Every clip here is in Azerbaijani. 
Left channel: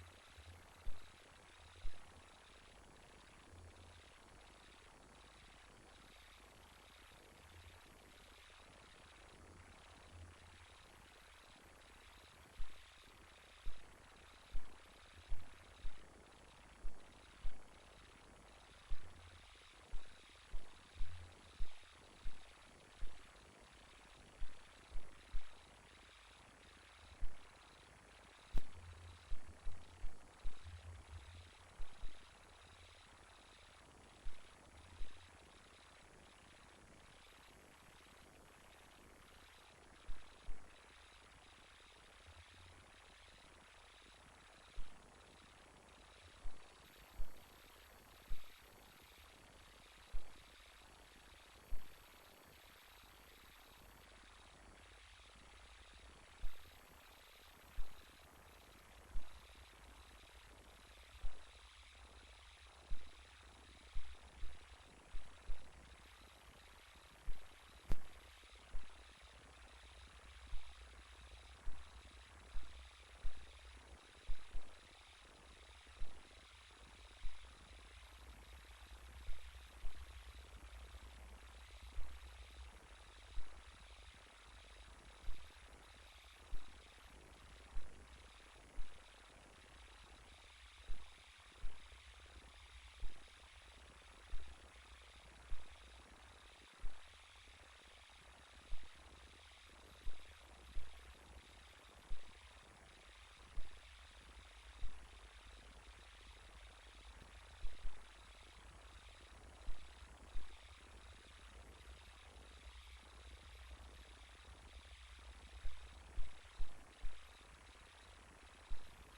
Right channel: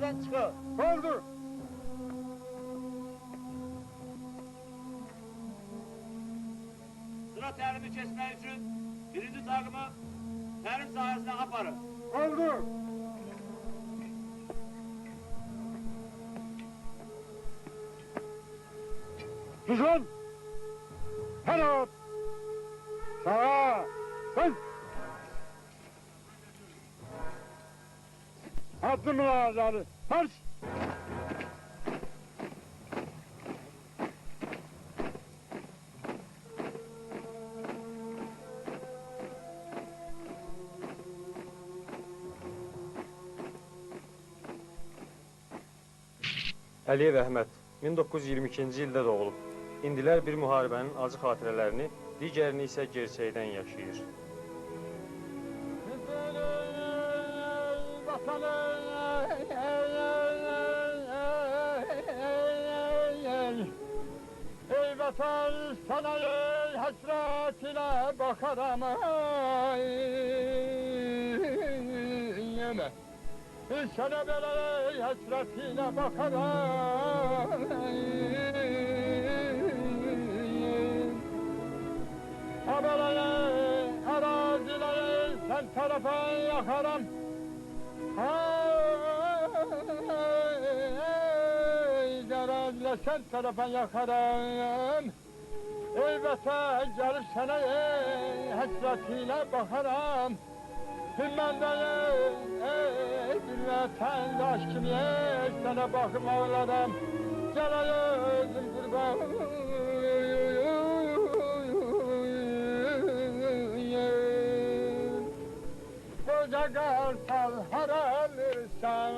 Piyadadan çıkın. Oldu. Sıra terimi kesmek için birinci takımı terim sahasına aparın. Oldu. Düzgün. Penaltı. Sağa. Dön. Attın mı ağızları? Marş. Əliyev Əhməd 1922-ci ildə doğulub. İndilər bir müharibənin acı xatirələrini, digərini isə gerçəkdən yaşayır. Ey vatan sana ey hasretine bakarım yine. Sana böyle ey hasretine bakarım. Abalayı arazileri sen tarafa yakarım. Garazla sen tarafa yakarım. Ey vatan gelip sana ey hasretiyle bakarım. Ben de ey bir vatandaş kim ey sana bakıp ağlarım. Gel özüm kurban. Koca kartal haralırsan,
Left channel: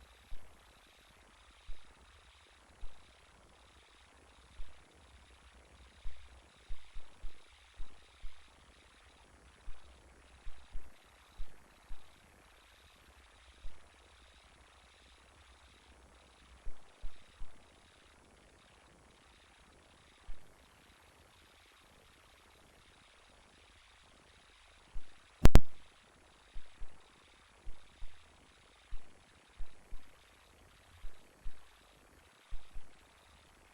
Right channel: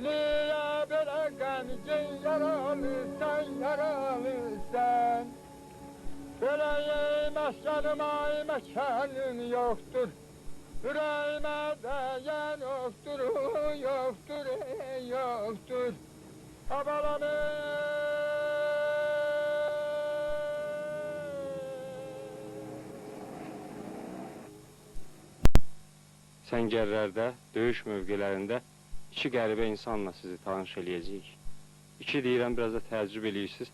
niye bırakan yaralırsan, yaralırsan. Yüreğim aslanıma mekanın yoktur, yüreğime değen yoktur, yoktur, yoktur. Abalanım. Səngərlərdə, döyüş mövqelərində iki qəribə insanla sizi tanış eləyəcəyik. İki deyirəm, biraz da təəccüb eləyirsiniz.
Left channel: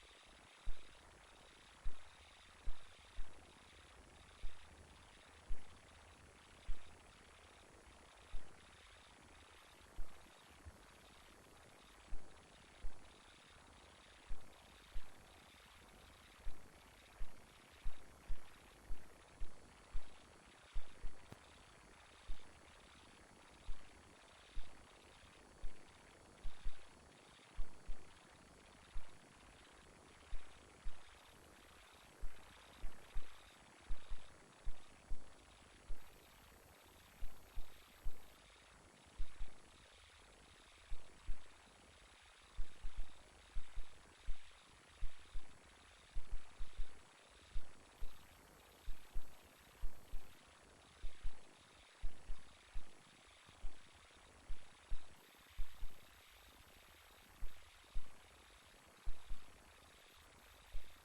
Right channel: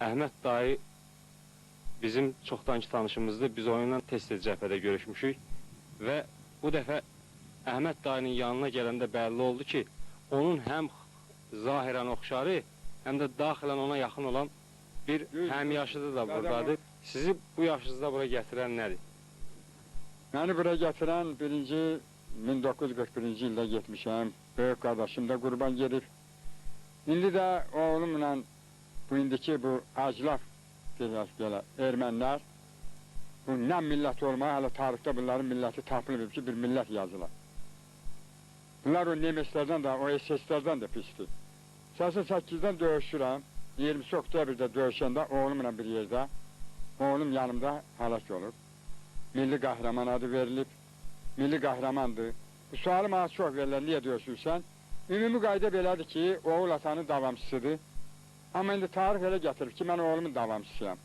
Əhməd dayı bizim çoxdankı tanışımızdır. Biz onunla tez-tez cəbhədə görüşmüşük. Və bu dəfə Əhməd dayının yanına gələndə bəlli oldu ki, onun həm zahirən oxşarı, həm də daxilən ona yaxın olan bir həmyaşıdı da buradadır. Sizi bu yaşınızda bura gətirən nədir? Beni buraya getiren birinci 1941. yılda gitmişim. Büyük kardeşim de kurban gelip. Şimdi de oğlumla bu indiki bu aclaf diyorlar Ermeniler. Bu ne millet olmaya hala tarihte bunların milleti tapılır ki bir millet yazılar. Bunlar o Nemeslerden de o SS'lerden de pisti. Sası 8'den dövüşürüm. 20 Oktyabir'de dövüşende oğlumla bir yerde. Oğlum yanımda halak olur. Milli kahraman adı verilip, milli kahramandır. Bu sualı bana çok verirler, niye diyorsun sen? Ümumi qayda belədir ki, oğul atanın davamçısıdır. Ama indi tarih elə gətirib ki, mən oğlumun davamçısıyam.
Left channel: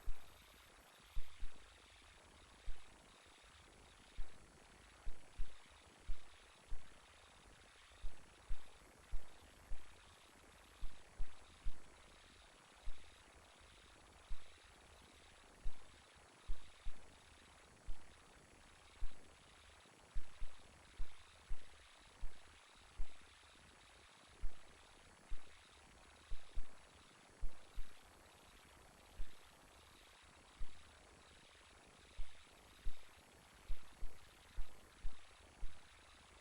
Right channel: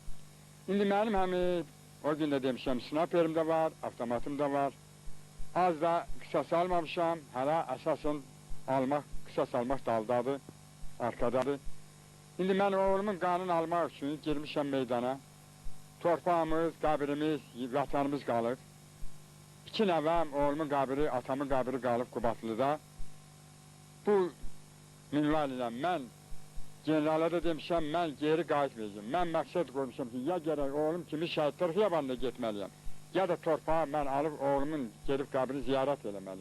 İndi mənim həmi, o gün də demişəm, sniperim də var, avtomatım da var. Az da qısas almamışam, hələ əsasın qısas almaq daldadır, arkadadır. İndi mən oğlumun qanını almaq üçün girmişəm meydana. Torpağımız, qəbrimiz, vatanımız qalıb. İki nəvəm, oğlumun qəbri, atamın qəbri qalıb Qubatlıda. Bu minval ilə mən generala da demişəm, mən geri qayıtmayacağım. Mən məqsəd qoymuşam ki, ya gərək oğlum kimi şəhidlər xiyabanına getməliyəm, ya da torpağı mən alıb oğlumun gedib qəbrini ziyarət eləməliyəm.